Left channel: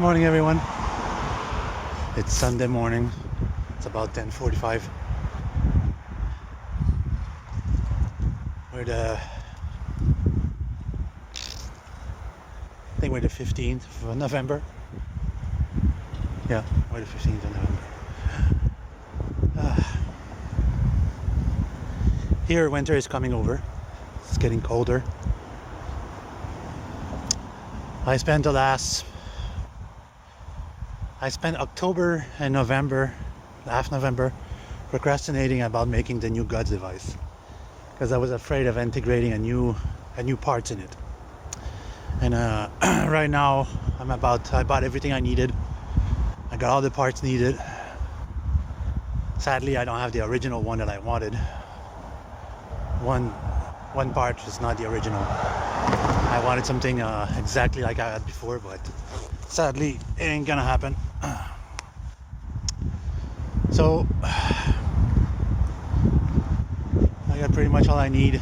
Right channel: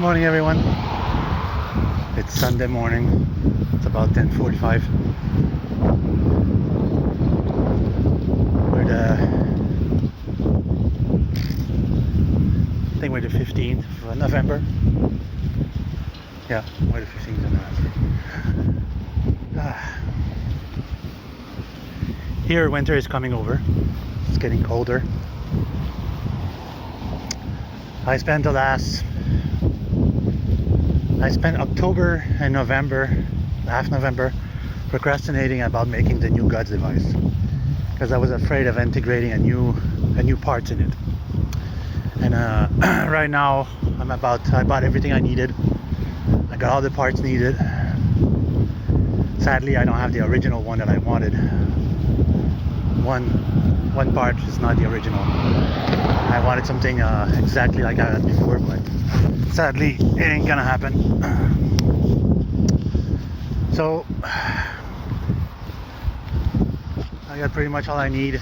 Morning everyone. It's Sunday morning. It's about 10:45. I think we're the 15th of November. Yeah, we're the 15th of November. Here winter is coming over. It's getting colder. I spent October and November, half November, procrastinating about making the new Gods device because I was afraid of integrating a new parts in it. And right now I bought everything I needed. I got all the parts needed. Sadly, I don't have the original one that I wanted. One part is not the original. I wanted something exactly like I had before, but sadly it ain't gonna happen. So I got pretty much all I need.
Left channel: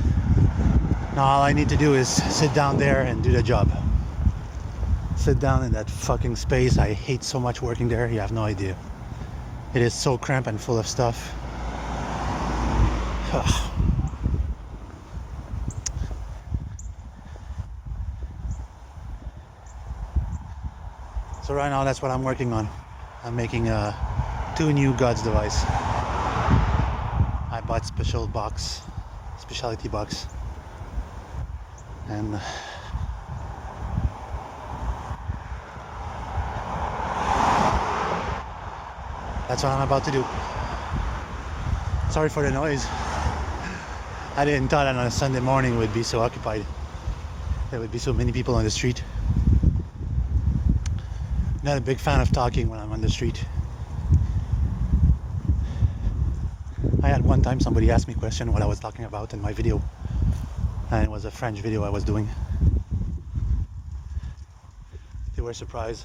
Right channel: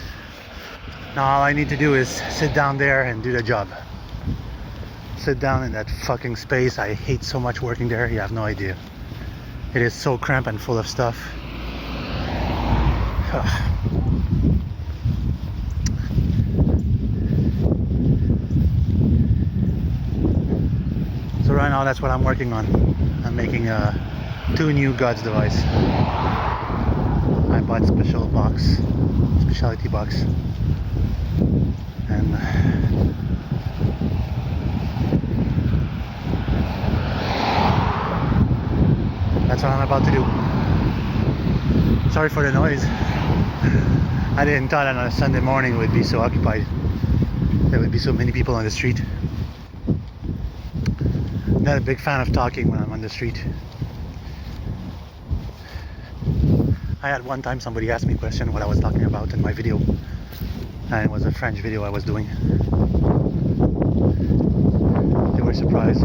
Now all I need to do is sit down there and do the job. Sit down in that fucking space. I hate so much working there, you have no idea. It is so cramped and full of stuff. So right now that's what I'm working on. I'm making 2 new Gods device. I bought specialty box, and that's what I'm about to do. Sorry for the noise. I didn't thought on a Sunday morning it would be so occupied. There would be so many people on the street. Not a big fan of talking when I'm on the street. I had one time somebody asked me a question what I was talking about in my video, and it was a French video I was doing. They were surprised.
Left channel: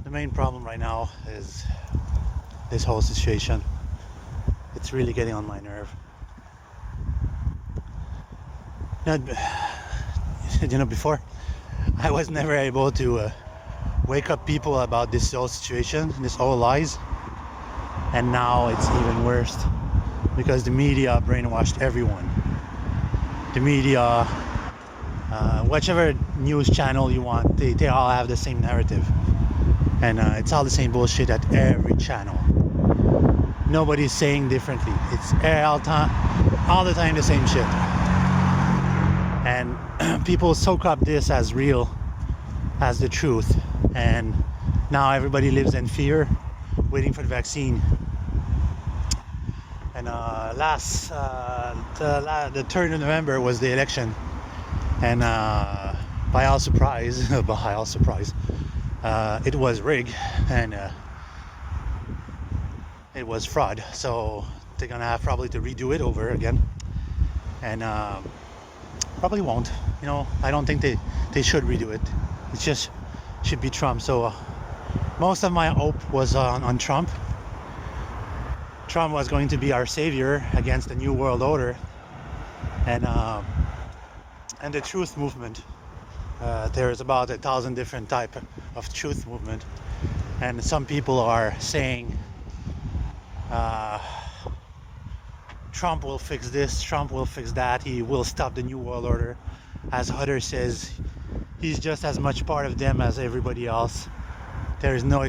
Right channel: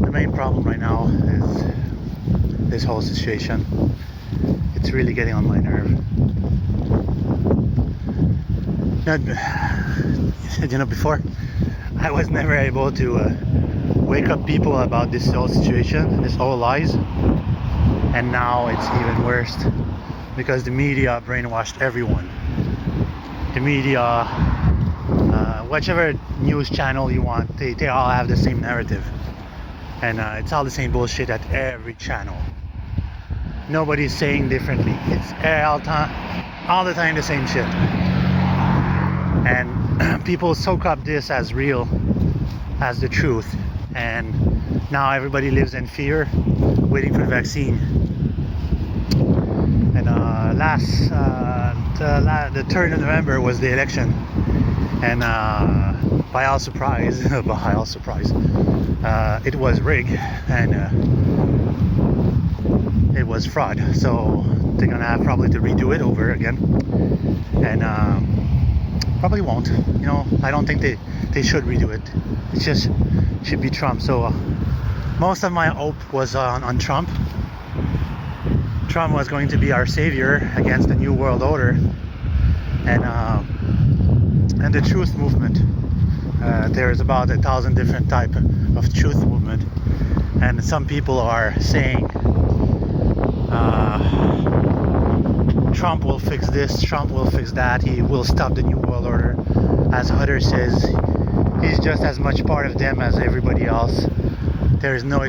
The main problem right now is this whole situation. It's really getting on my nerve. Before I was never able to wake up people about this whole situation, this whole lies, and now it's even worse because the media brainwashed everyone. The media, whichever news channel you want, they all have the same narrative, and it's all the same bullshit at every channel. Nobody's saying differently. It's all the time the same shit. And people soak up this as real, as the truth, and now everybody lives in fear, waiting for the vaccine. And the 3rd of November was the election, and by all surprise, it was rigged, and it was fraud. So they're gonna have probably to redo it over again, and probably won't. I don't think they should redo it. It just should be Trump. So most of my hope was on Trump. Trump was going to be our savior against the new world order, and the truth movement. There's about 1,000 different type of truth movement, and some people are saying Trump will fix this, Trump will fix that, he will stop the new world order. As Hutter says, he's just as much part of them as everybody else. There's no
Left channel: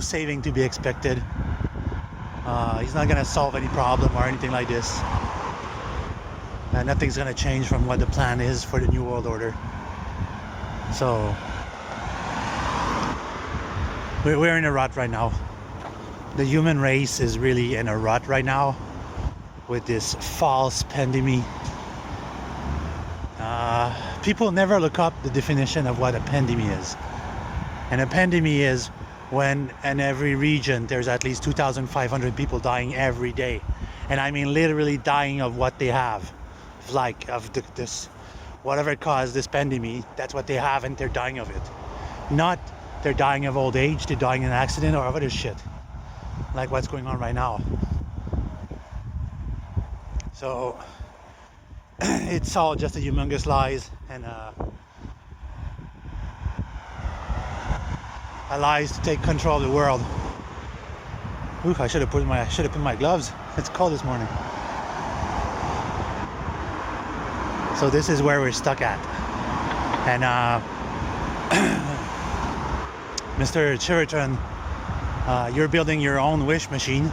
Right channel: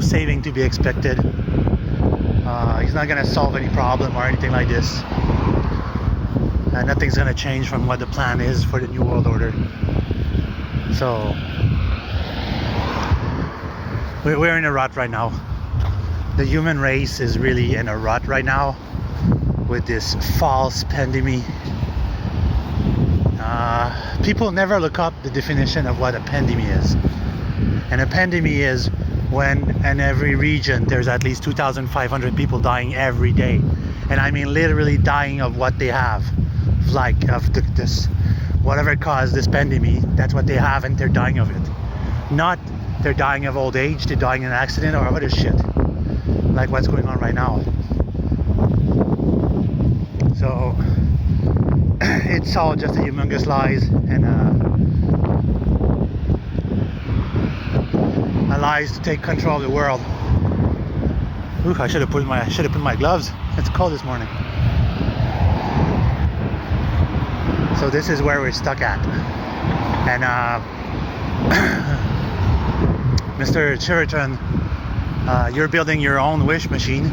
saving to be expected. He's not gonna solve any problem or anything like this. Nothing's gonna change from what the plan is for the new world order. So we're in a rut right now. The human race is really in a rut right now with this false pandemic. People never look up the definition of what a pandemic is. And a pandemic is when in every region there's at least 2,500 people dying every day. And I mean literally dying of what they have. This whatever caused this pandemic, that's what they have and they're dying of it. Not they're dying of old age, they're dying in an accident or other shit. Like what's going on right now. So it's all just a humongous lies, and a lies to take control of the world. Ooh, I should have put my gloves. It's cold this morning. So this is where we're stuck at, and Mr. Chiriton, you're building your own wishing machine.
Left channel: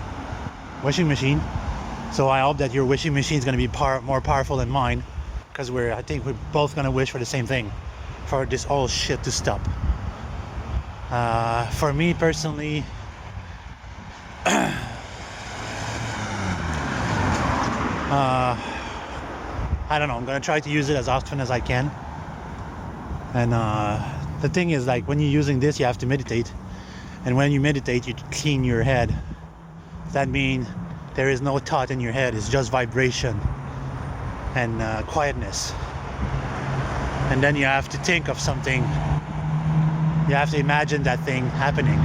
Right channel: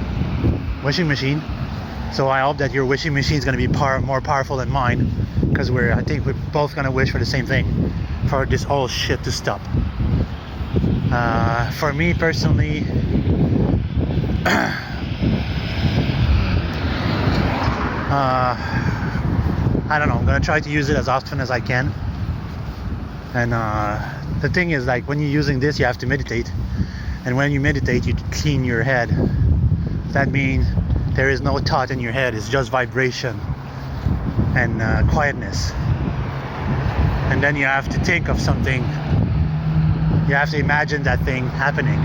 So I hope that your wishing machine is going to be more powerful than mine, because I think we're both going to wish for the same thing, for this whole shit to stop. For me personally, I don't know, I'm going to try to use it as often as I can. And the thing is, like, when you're using this, you have to meditate. And when you meditate, you clean your head. That means there is no thought in your head. It's just vibration and quietness. And then you have to think of something. You have to imagine that thing happening.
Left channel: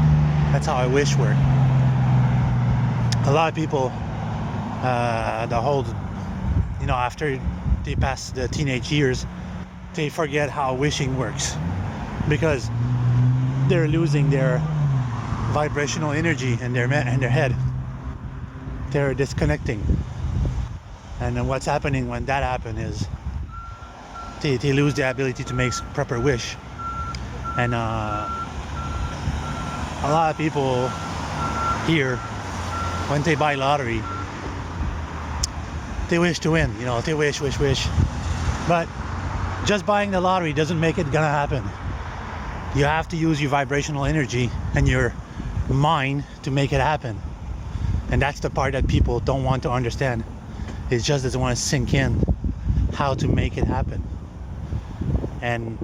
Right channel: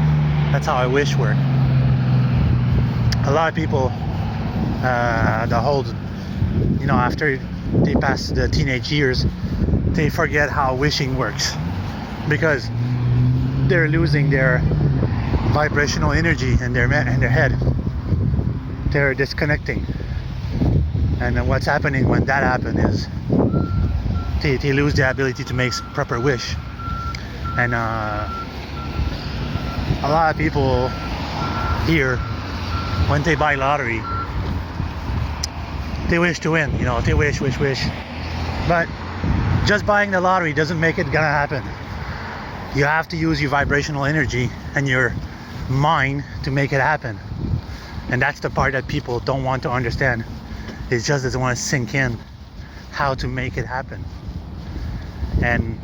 That's how I wish work. A lot of people, after they pass the teenage years, they forget how wishing works, because they're losing their vibrational energy in their head. They're disconnecting, and then what's happening when that happens is they lose the ability to make proper wish. And a lot of people here, when they buy lottery, they wish to win, they wish, but just buying the lottery doesn't make it gonna happen. You have to use your vibrational energy and your mind to make it happen. And that's the part that people don't want to understand. It just doesn't want to sink in how to make it happen. And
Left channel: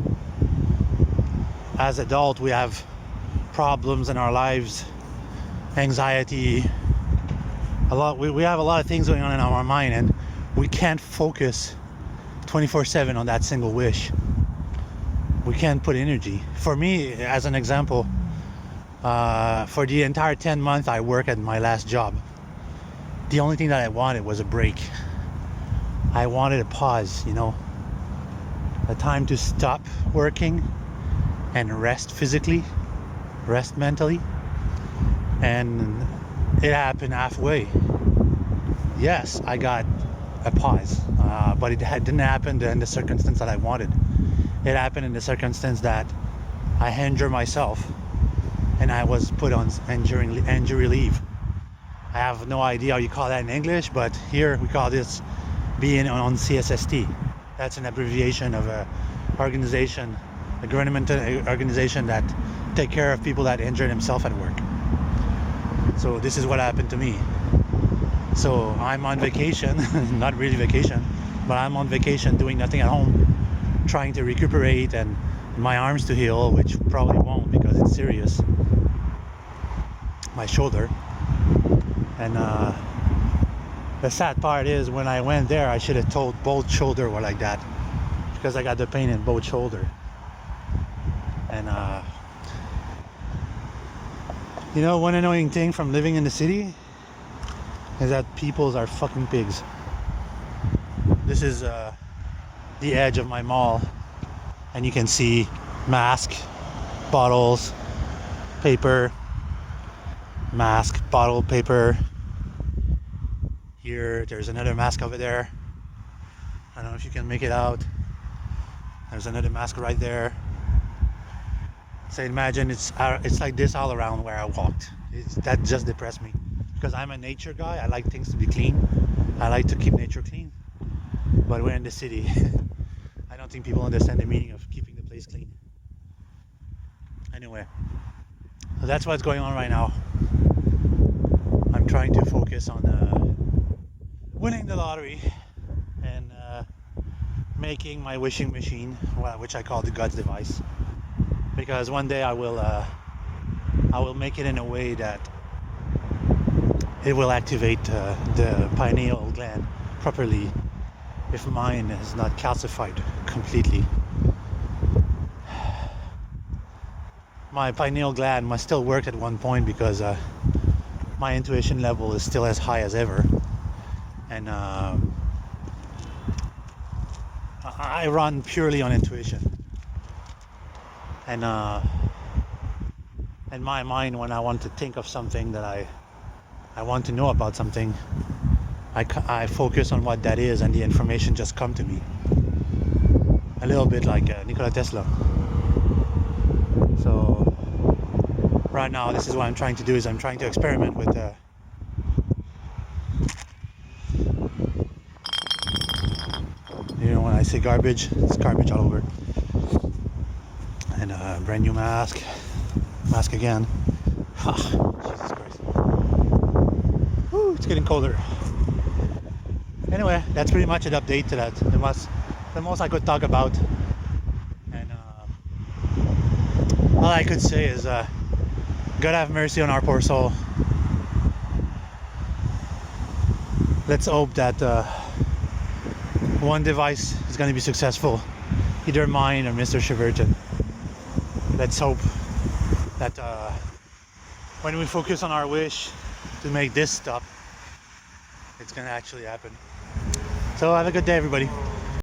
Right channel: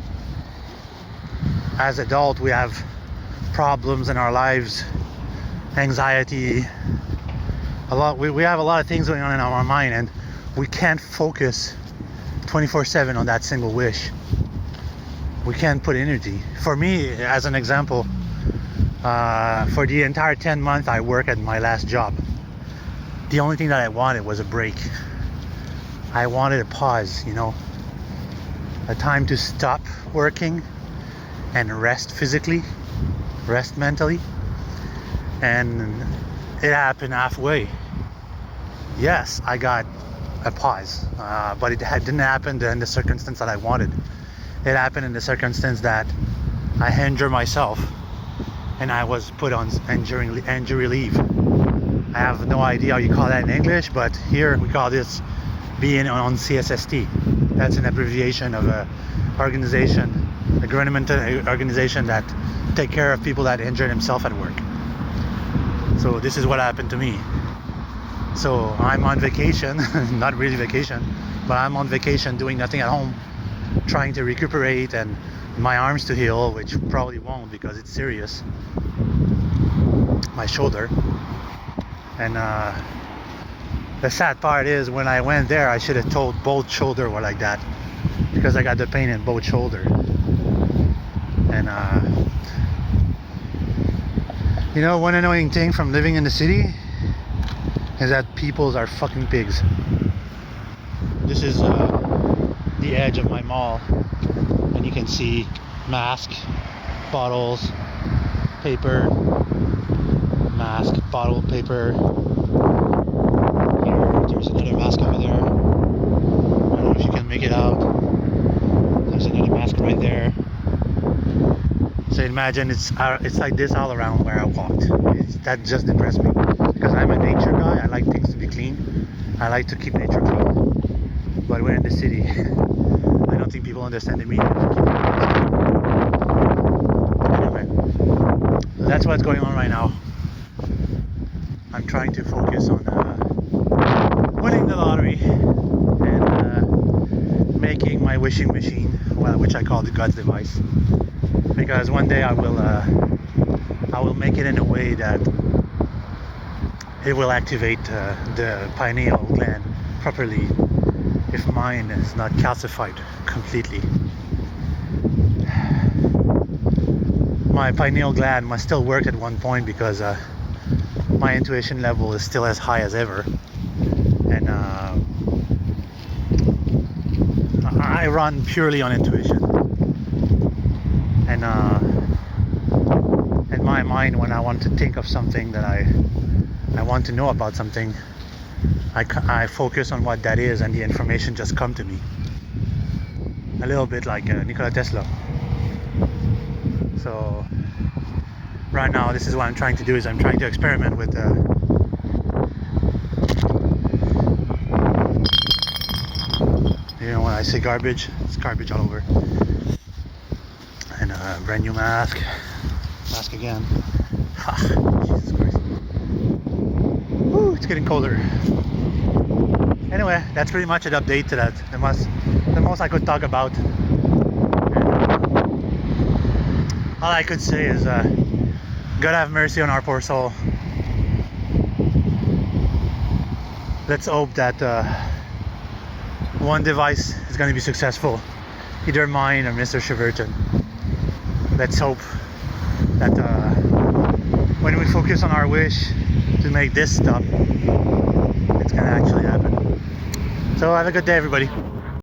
as adults, we have problems in our lives, anxiety, we have a lot of things going on in our mind, and we can't focus 24/7 on that single wish. We can't put energy. For me, as an example, for the entire 10 months I worked at my last job, the only thing that I wanted was a break. I wanted a pause, a time to stop working and rest physically, rest mentally. And it happened halfway. Yes, I got a pause, but it didn't happen in the circumstance that I wanted. It happened in the circumstance that I injured myself and I was put on injury leave. I have no idea how you call that in English, but here we call this being on CSST. That's an abbreviation of a governmental organization that take care of people that injure themselves at work. So this is what happened to me. So I'm on vacation, not really vacation, but I'm on vacation doing nothing at home, trying to recuperate and my arms to heal, which probably won't because it's serious. My shoulder. And the sad part is, when I went there, I should have told both shoulder were like that, because I got the pain in both shoulder. And one annoying thing from living in the city is that people are fucking pigs. This is the edge of my mall, and you can see mask, bottles, paper, mask, bottle, paper. Here, there's another mask over there. I don't know if you can make it out. There's another mask right there. So imagine it's like this all around where I walked. That just depressed me, because I'm a nature guy. I like things to be clean. I like to keep nature clean. But we're in the city. I don't think people understand the meaning of keeping things clean. Anyway, that's what's going on right now. I'm trying to focus on winning the lottery and making my wishing machine, which I call the God's device. Because one day I will make it in a way that it will activate the pineal gland properly, if mine is not calcified completely. My pineal gland must still work at one point, because my intuition level is still as high as ever, and I run purely on intuition, and in my mind, when I want to think of something that I want to know about something, I focus on what that is, and the information just come to me. A little bit like Nikola Tesla. So right now, this is what I'm trying to do: is I'm trying to experiment with. You know, when I say garbage, it's garbage all over. And brand new mask again. Jesus Christ. Woo, it's getting colder. Anyway, that's pretty much an update to that. The most I could talk about. All I could say is, God have mercy on our poor soul. Let's hope that one device is going to be successful, either mine or Mr. Shiverton. Let's hope that when we focus on our wish to make this stop, it's going to actually happen. So have a good day, everybody.